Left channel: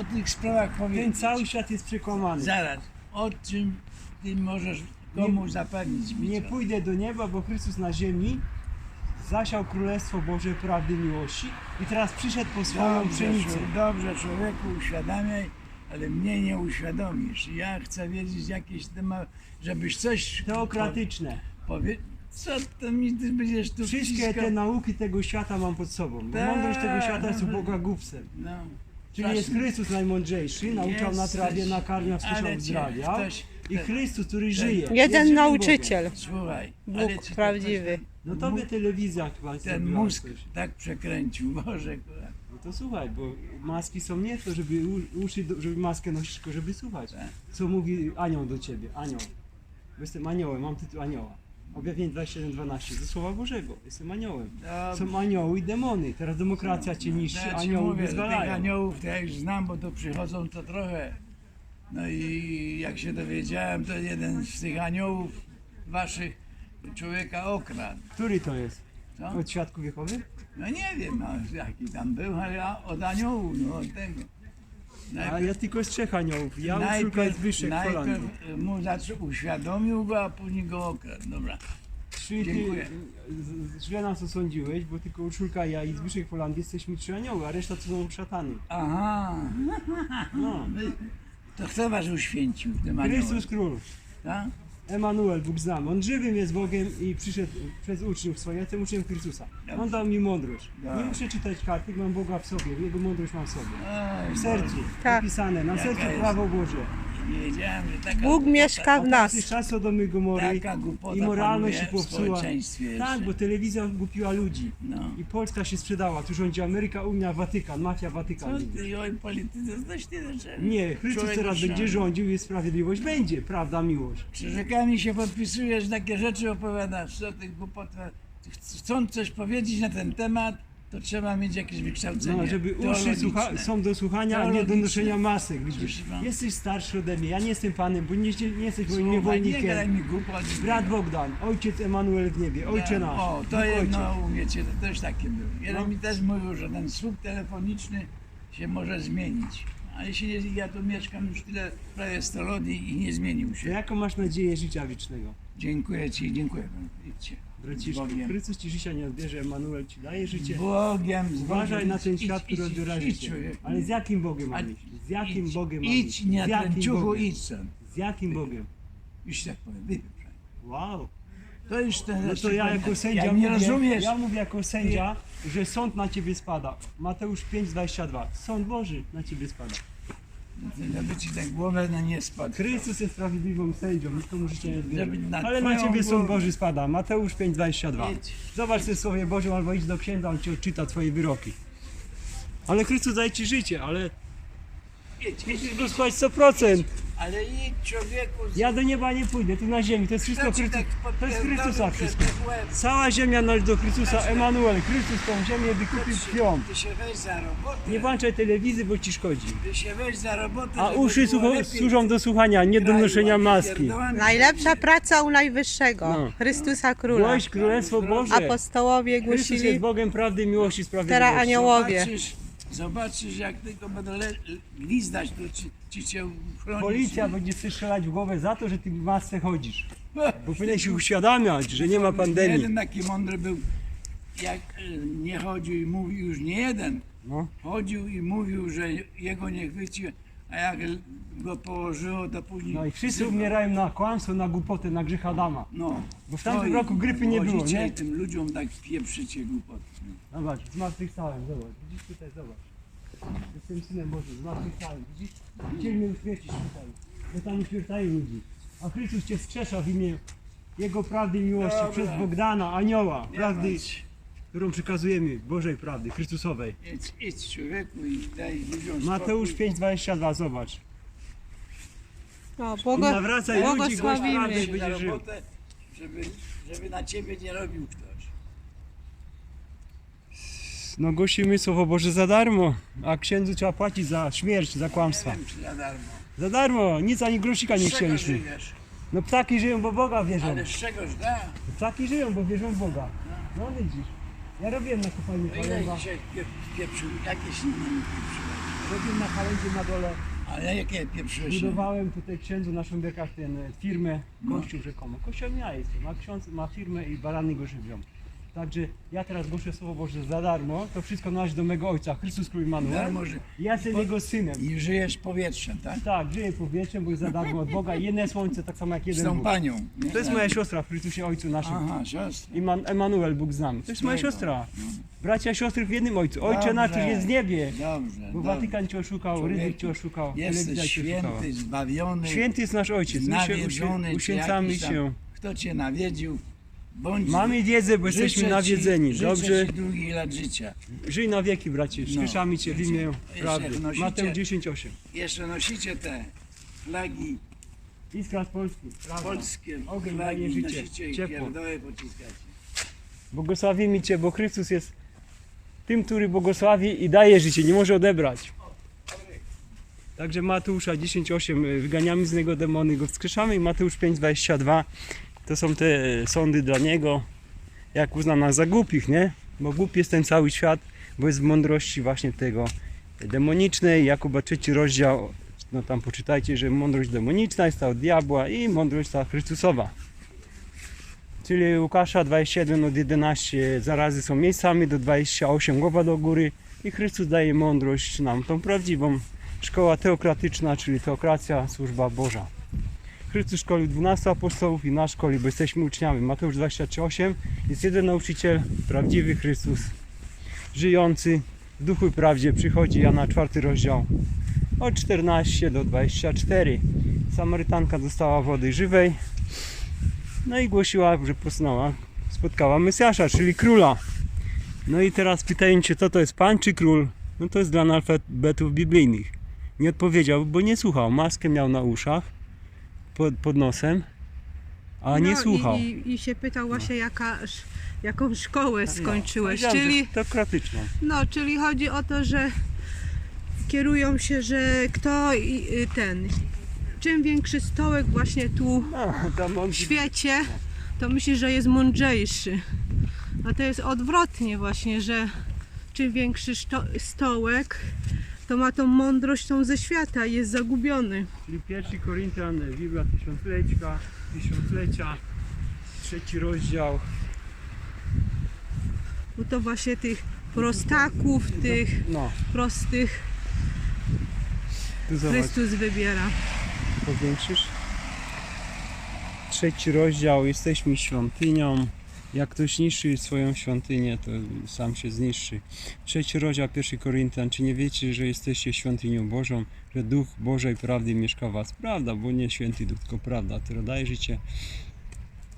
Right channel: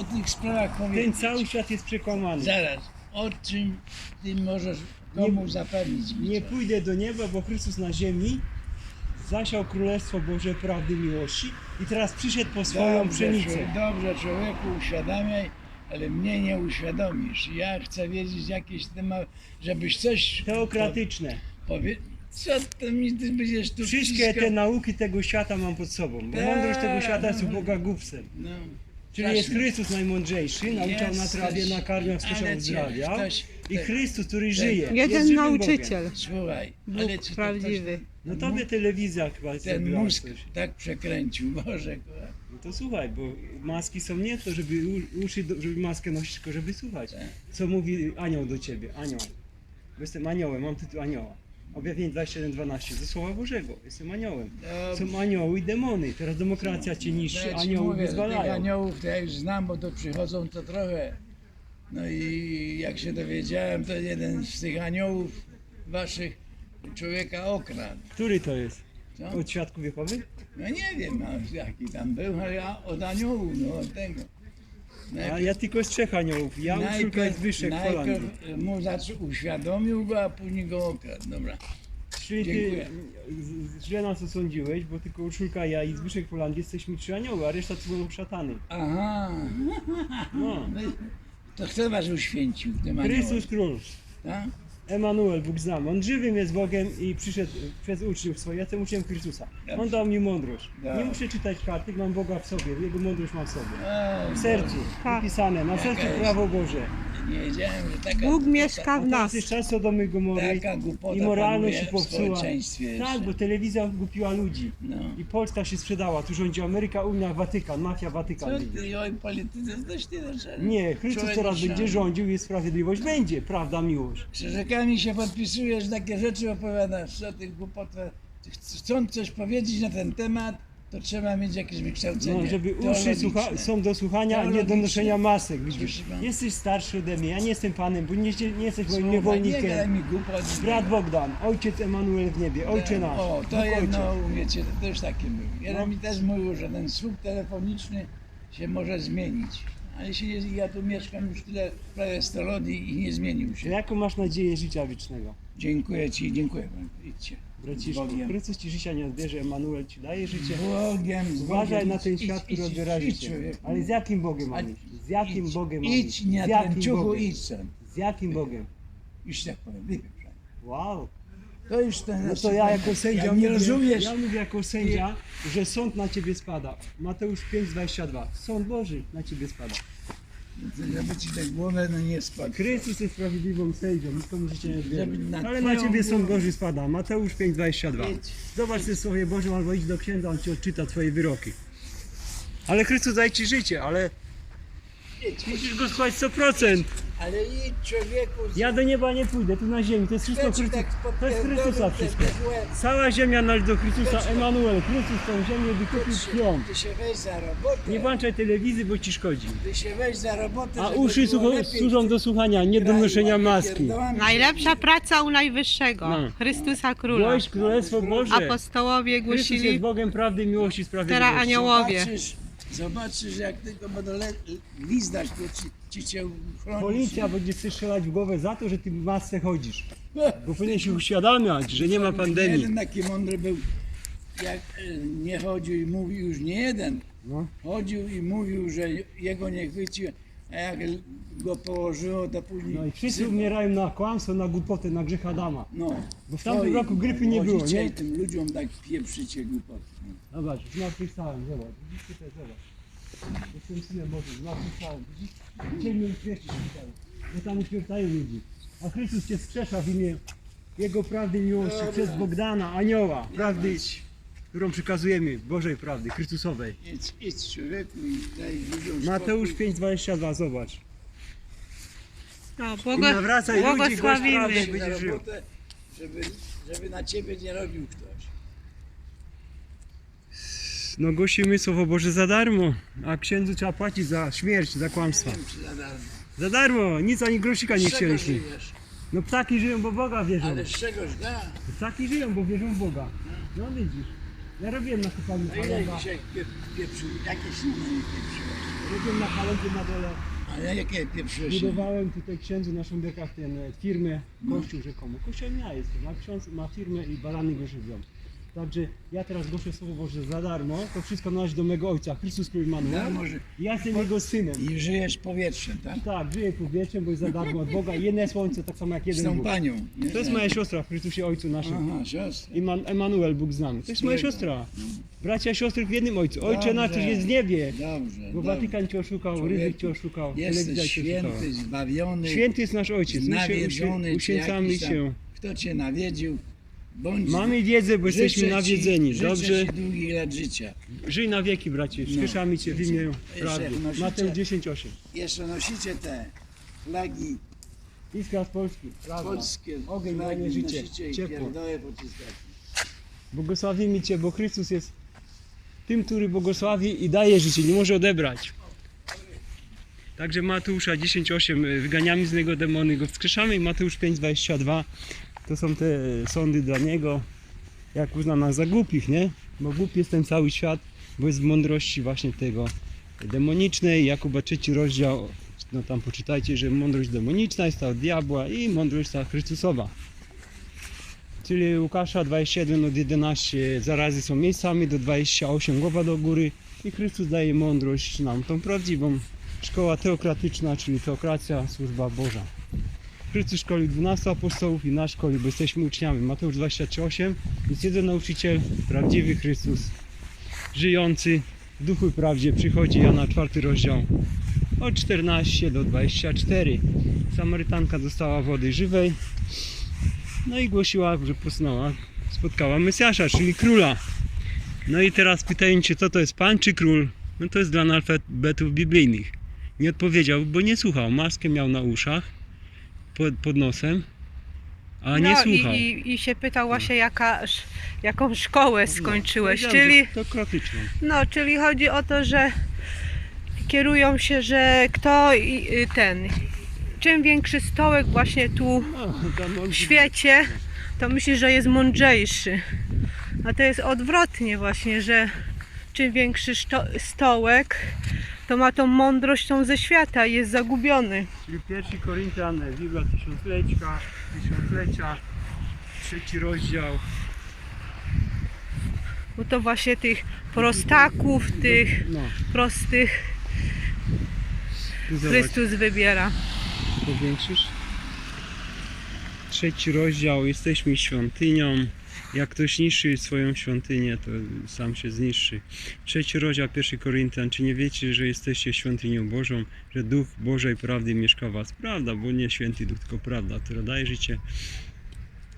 o tych sprawach Ten powiedzieć. cały świat jest przekłamany. Zaraz, o czym ty możesz komu zapewnić mi Nie pójdę do nieba, bo Chrystus na ziemi zasiał Królestwo Boże prawdy miłości i teraz przyszedł po swoją Dobrze, pszenicę. dobrze, człowieku, uświadamiaj, ale mnie nie uświadomisz. Ja chcę wiedzieć jakieś temat, żebyś coś Teokratyczne. po- powie... Co to mi ty będziesz tu Wszystkie wciskał? te nauki tego świata mam pod sobą. Tak. mądrość tego świata jest u Boga głupcem. No, Czyli jest. Chrystus najmądrzejszy, nauczał na trawie, ale cię zdrowia. ktoś- I Chrystus, który żyje. jest Jeden żywym nauczyciel. Słuchaj, Bóg ale ci prawdziwy. No to by telewizja chyba Ten mózg coś. tak przekręcił, Boże. No to słuchaj, bo maski są nie to, żeby u- uszy, do- żeby maskę nosić, tylko żeby słuchać. Tak. Co mówi anioł do ciebie? Anioł. Bo jestem aniołem, mam tytuł anioła. Objawienie 27.12 ze Słowa Bożego. Jestem aniołem. Dobrze. Są anioły i demony. Teraz demokracja cię niszczy, No ja ci anioły mówię, że tych wyzwalają. aniołów to ja już znam, bo to przychodzą to trochę. No i jak się dowiedziałem, to jeden z tych aniołów waszych człowieka okradł. Który to jest? Co? Od świadków Jehowy? No nie wiem, no, jaki tam był, ale ja od aniołów, no od tego. A ja tylko z trzech aniołów. Ja Urszulka jest wyższych w Holandii. najpierw mu zaczął, uświadomił go, a później go okradł. Dobra. Czyli ty Dziękuję. z- źle nas osądziłeś, bo tylko Urszulka, ja i Zbyszek w Holandii jesteśmy trzy anioły, a reszta to są szatany. Aha, No. to kto was uświęcił w tym aniołem? Chrystus Król. Tak? Emanuel, Bóg znam. On żywym jest Bogiem i przyszedł przez uczniów swoich. Ja jestem uczniem Chrystusa. On dał mi mądrość. Dobrze. Nie muszę czytać kartek, mam Boga w sobie. Jego mądrość mam w sobie. W sercu. Tak. Napisane. Na Jaka sercu prawo Boże. Nie wiedziałem, że taka Bóg głupota- mieszka w nas. Jest czas Sodomy i Gomory. Taka głupota I moralność się panuje w popsuła. społeczeństwie Tak, bo telewizja gupiła ludzi. No. I Polska się sprzedała. Tu rządzi Ameryka, Unia, Watykan, mafia, Watykan. Co ty, oj, polityce, coś ty zaczęli. Nie, Chrystus Człowiek teraz oszalał. będzie rządził i sprawiedliwość będzie. Prawda, miłość. Krzyżykami się podpisujesz, takie rzeczy opowiadasz, co tych głupotach. Chcąc coś powiedzieć na ten temat, to trzeba mieć jakieś wykształcenie No, żeby uszy teologiczne. słucha, są do słuchania, a nie do Teologiczne. noszenia masek. Widzisz? Jesteś starszy ode mnie, ja nie jestem panem, bo nie, nie jesteś moim Słowa, Nie niewolnikiem. mi głupot. Brat Bogdan, ojciec Emanuel w niebie, ojcze nasz. O, to Bóg jedno, ojciec. wiecie, to też takie było. Jeden No. mi też mówił, że ten słup telefoniczny się może zmienić. Ale się, nie- ja tu mieszkam już tyle, prawie 100 lat i i nie zmienił To się. jaką masz nadzieję życia wiecznego? Dziękuję Ci, dziękuję. Idźcie. Braciszku, Bogiem. Chrystus ci życia nie odbierze, Emanuel ci daje życie. Bogiem, z Uważaj Bogiem. na ten świat, idź, który idź, odbiera idź, życie. Ale z jakim Bogiem A- mam iść? Z jakim idź, Bogiem mam Idź nie Z jakim ciuchu, Bogiem? idź stąd. Z jakim Bogiem? Już tak powiem. Wow. To już ten No to ja jako sędzia nie mówię, rozumiesz, ja mówię jako sędzia, że sąd na ciebie spada. Mateusz 5,22. Sąd Boży na ciebie spada. Żeby Ci tak głowę na nie spadł. Chrystus jest sprawiedliwą sędzią, nikomu życie nie. Żeby na Ale na twoją ciebie sąd głowę. Boży spada. Mateusz 5,22. Idź. Zobacz w Słowie Bożym albo idź do księdza, on ci odczyta twoje wyroki. Ale Chrystus daje ci życie, ale Musisz go słuchać 100%. Ale idź człowieku, Ja do nieba nie pójdę, tu na ziemi, to jest wszystko Chrystus, tak to jest Chrystusa wszystko. Cała ziemia należy do Chrystusa? Emanuel, Chrystus tą ziemię wykupił krwią. Ty się weź za robotę. Nie włączaj telewizji, bo ci szkodzi. Ty się weź za robotę, A uszy było słuchą, lepiej służą do słuchania, nie do noszenia maski. Najlepsza praca u Najwyższego, No. Chrystusa Króla. Głoś Królestwo Boże. Apostołowie Chrystus jest głosili, Bogiem prawdy, miłości, sprawiedliwości. teraz aniołowie. Zobaczysz, jak tylko będą le- liznać, to ci, ci cię chronić. Policja będzie chce strzelać w głowę za to, że ty w masce chodzisz. Bo powinien się uświadamiać, że nie ma pandemii. Jeden taki mądry był, jak e, nie chodził i mówił, już nie jeden, No. chodził i mówił, że jego nie chwyci, a jak go położyło, to później... no i wszyscy wzywał. umierają na kłamstwo, na głupotę, na grzech Adama. No, Bo w tamtym roku grypy nie było, nie? tym ludziom tak pieprzycie głupoty. Zobacz, zmartwychwstałem, zobacz. Widzisz tutaj, zobacz. Jestem synem Bożym, zmartwychwstałem. Widzisz? Chcieli mnie uśmiercić tutaj. Bo tam uśmiercają ludzi. A Chrystus cię skrzesza w imię Jego prawdy i miłości Dobra. przez Bogdana, anioła, Nie prawdy, bać. Którą przekazujemy, Bożej prawdy, Chrystusowej. Idź, idź człowieku i daj ludziom Mateusz spokój. 5,22, zobacz. No, I błogo, nawracaj ludzi, głoś prawdę i błogosławimy. na będziesz żył. robotę, żeby, żeby na ciebie nie robił ktoś. No głosimy Słowo Boże za darmo, a księdzu trzeba płacić za śmierć, za kłamstwa. Nie wiem, czy za darmo. Za darmo, nic ani grosika nie Z czego chcieliśmy. żyjesz? No ptaki żyją, bo Boga wierzą. Ale z czegoś da. Ptaki żyją, bo wierzą w Boga. No widzisz. Ja robiłem na kopalni No ile chleba. dzisiaj pie- pieprzył, jakieś inne pieprzył. Robiłem na chalendzie na dole. Ale jakie pieprzyszy? Budowałem tutaj księdzu na Szumbiekach tę firmę, kościół rzekomo. Kościołem ja jestem, ma ksiądz, ma firmę i barany go żywią. Także ja teraz głoszę Słowo Boże za darmo, to wszystko należy do mego Ojca, Chrystus Król. Darmo, że Ja jestem Jego synem. i żyjesz powietrzem, tak? Tak, żyję powietrzem, bo jest za darmo od Boga. Jedne słońce, tak samo jak Z jeden tą Bóg. panią. nie? To jest moja siostra w Chrystusie Ojcu naszym. Aha, siostra. Iman, Emanuel, Bóg z nami. To jest moja siostra. Bracia i siostry w jednym Ojcu. Ojcze Dobrze. nasz, któryś jest w niebie. Dobrze, Bo dobrze. Watykan cię oszukał, ryzyk cię oszukał, telewizja Jesteś cię oszukała. święty, zbawiony, Święty jest nasz Ojciec. My się uświę- nawiedzony, czy uświęcamy jakiś tam, się. Kto cię nawiedził, bądź Mamy wiedzę, bo życzę jesteśmy ci- nawiedzeni. życzę Dobrze? Ci długich lat życia. Żyj na wieki, bracie. Skrzeszamy cię w imię prawdy. wnosicie- Mateusz 10,8. Jeszcze nosicie te flagi Iskra z Polski. Prawda. polskie, Ogień flagi życie, nosicie i ciepło. pociskacie. Błogosławimy Cię, bo Chrystus jest tym, który błogosławi i daje życie, nie może odebrać. Także Mateusza 10,8 y, wyganiamy z niego demony, go wskrzeszamy i Mateusz 5,22 to są te sądy dla niego, jak uzna nas za głupich, nie? Bo głupi jest ten cały świat, bo jest w mądrości właśnie tego demonicznej. Jakuba trzeci rozdział, no tam poczytajcie, że mądrość demoniczna jest ta od diabła i mądrość ta Chrystusowa. Czyli Łukasza 21 od 11 zarazy są miejscami do 28 głowa do góry i Chrystus daje mądrość nam, tą prawdziwą szkoła teokratyczna, czyli teokracja, służba Boża. Chrystus szkolił 12 apostołów i nas szkoli, bo jesteśmy uczniami. Mateusz 23,8 jest jeden nauczyciel, prawdziwy Chrystus, żyjący w duchu i prawdzie. Przychodzi Jana 4 rozdział od 14 do 24. Samarytanka dostała wody żywej, no i głosiła, że poznała, spotkała Mesjasza, czyli króla. No i teraz pytają co to jest pan czy król? No to jest dla analfabetów biblijnych. Nie odpowiedział, bo nie słuchał. Maskę miał na uszach, pod, pod nosem, a nie no słuchał. I, i, I się pytał właśnie, jaka, sz- jaką szkołę skończyłeś. No, czyli, To no, czyli chodzi o to, że kierują się, że kto i- y, ten. Czym większy stołek właśnie tu w świecie, to myśli, że jest mądrzejszy. A to jest odwrotnie właśnie, że czym większy szto- stołek, to ma tą mądrość tą ze świata i jest zagubiony. Czyli pierwszy Koryntian, Biblia tysiąclecia, tysiąclecia, trzeci rozdział. Bo to właśnie tych prostaków, tych No, prostych zobacz. Chrystus wybiera. Powiększysz? Trzeci rozdział, jesteśmy świątynią. Jak ktoś niszczy swoją świątynię, to sam się zniszczy. Trzeci rozdział, pierwszy Koryntian. Czy nie wiecie, że jesteście świątynią Bożą, że Duch Bożej prawdy mieszka w was? Prawda, bo nie święty Duch, tylko prawda, która daje życie.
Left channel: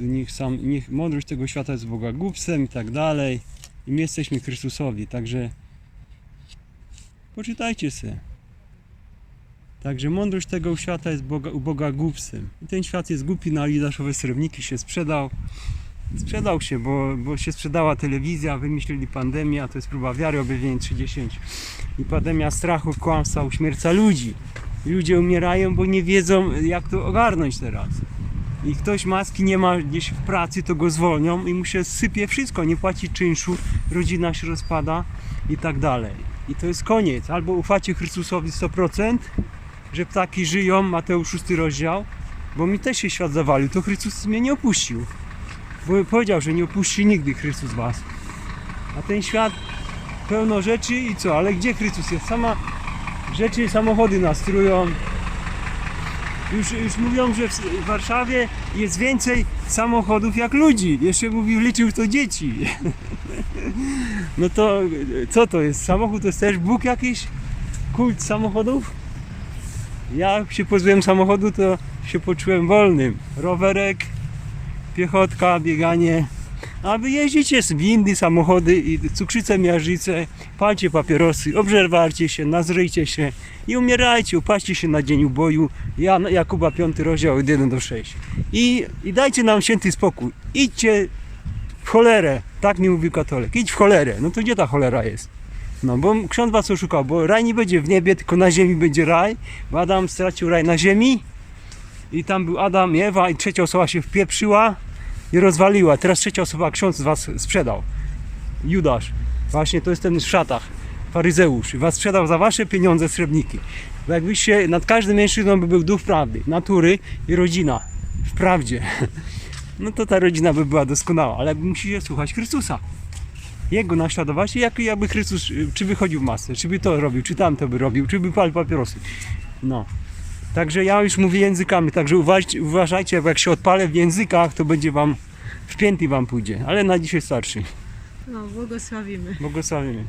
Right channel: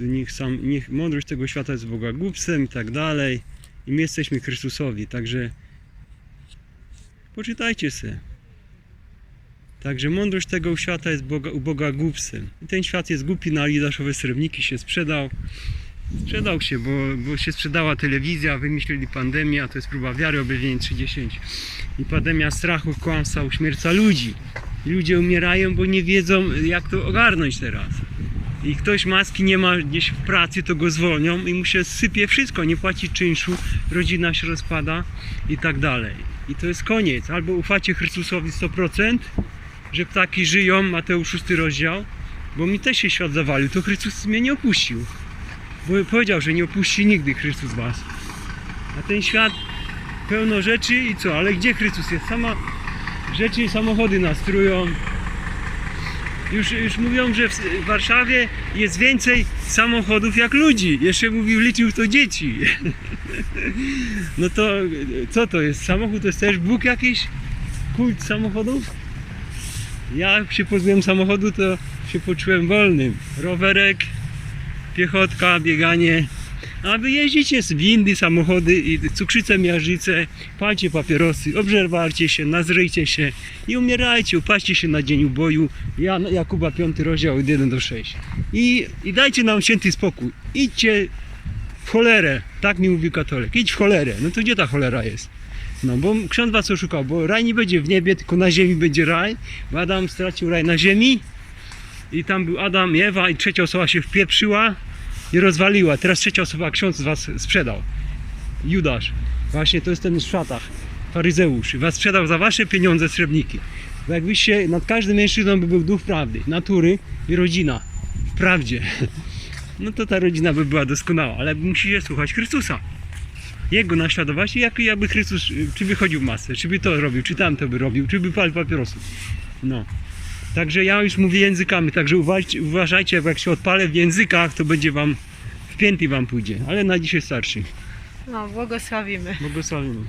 Niech, sam, niech mądrość tego świata jest Boga głupstwem i tak dalej. I my jesteśmy Chrystusowi, także poczytajcie se. Także mądrość tego świata jest Boga, u Boga głupstwem. I ten świat jest głupi na Judaszowe srebrniki się sprzedał. Sprzedał się, bo, bo się sprzedała telewizja, wymyślili pandemię, a to jest próba wiary, objawienie 30. I pandemia strachu, kłamstwa, uśmierca ludzi. I ludzie umierają, bo nie wiedzą jak to ogarnąć teraz. I ktoś maski nie ma gdzieś w pracy, to go zwolnią i mu się sypie wszystko, nie płaci czynszu, rodzina się rozpada i tak dalej. I to jest koniec. Albo ufacie Chrystusowi 100%, że ptaki żyją, Mateusz 6 rozdział, bo mi też się świat zawalił, to Chrystus mnie nie opuścił. Powiedział, że nie opuści nigdy Chrystus was. A ten świat pełno rzeczy i co, ale gdzie Chrystus jest? Sama rzeczy i samochody nas trują. Już, już mówią, że w Warszawie jest więcej samochodów jak ludzi. Jeszcze mówił, liczył to dzieci. No to co to jest? Samochód to jest też Bóg jakiś? Kult samochodów? Ja jak się pozbyłem samochodu, to się poczułem wolnym. Rowerek, piechotka, bieganie. A wy jeździcie z windy, samochody i cukrzycę, miażdżycę, palcie papierosy, obżerwarcie się, nazryjcie się i umierajcie, upaście się na dzień uboju. Jan, Jakuba 5 rozdział od 1 do 6. I, I dajcie nam święty spokój. Idźcie w cholerę, tak mi mówi katolik. Idź w cholerę. No to gdzie ta cholera jest? No bo ksiądz was oszukał, bo raj nie będzie w niebie, tylko na ziemi będzie raj, bo Adam stracił raj na ziemi i tam był Adam Ewa i trzecia osoba się wpieprzyła i rozwaliła. Teraz trzecia osoba ksiądz was sprzedał. Judasz. Właśnie to jest ten w szatach. faryzeusz i was sprzedał za wasze pieniądze srebrniki. Jakbyście, nad każdym mężczyzną by był duch prawdy, natury i rodzina w prawdzie, no to ta rodzina by była doskonała, ale musicie słuchać Chrystusa. Jego naśladować i jak, jakby Chrystus, y, czy by chodził w masce, czy by to robił, czy tamto by robił, czy by palił papierosy. No. Także ja już mówię językami, także uważajcie, uważajcie, jak się odpalę w językach, to będzie wam, w pięty wam pójdzie, ale na dzisiaj starszy. No, błogosławimy. Błogosławimy.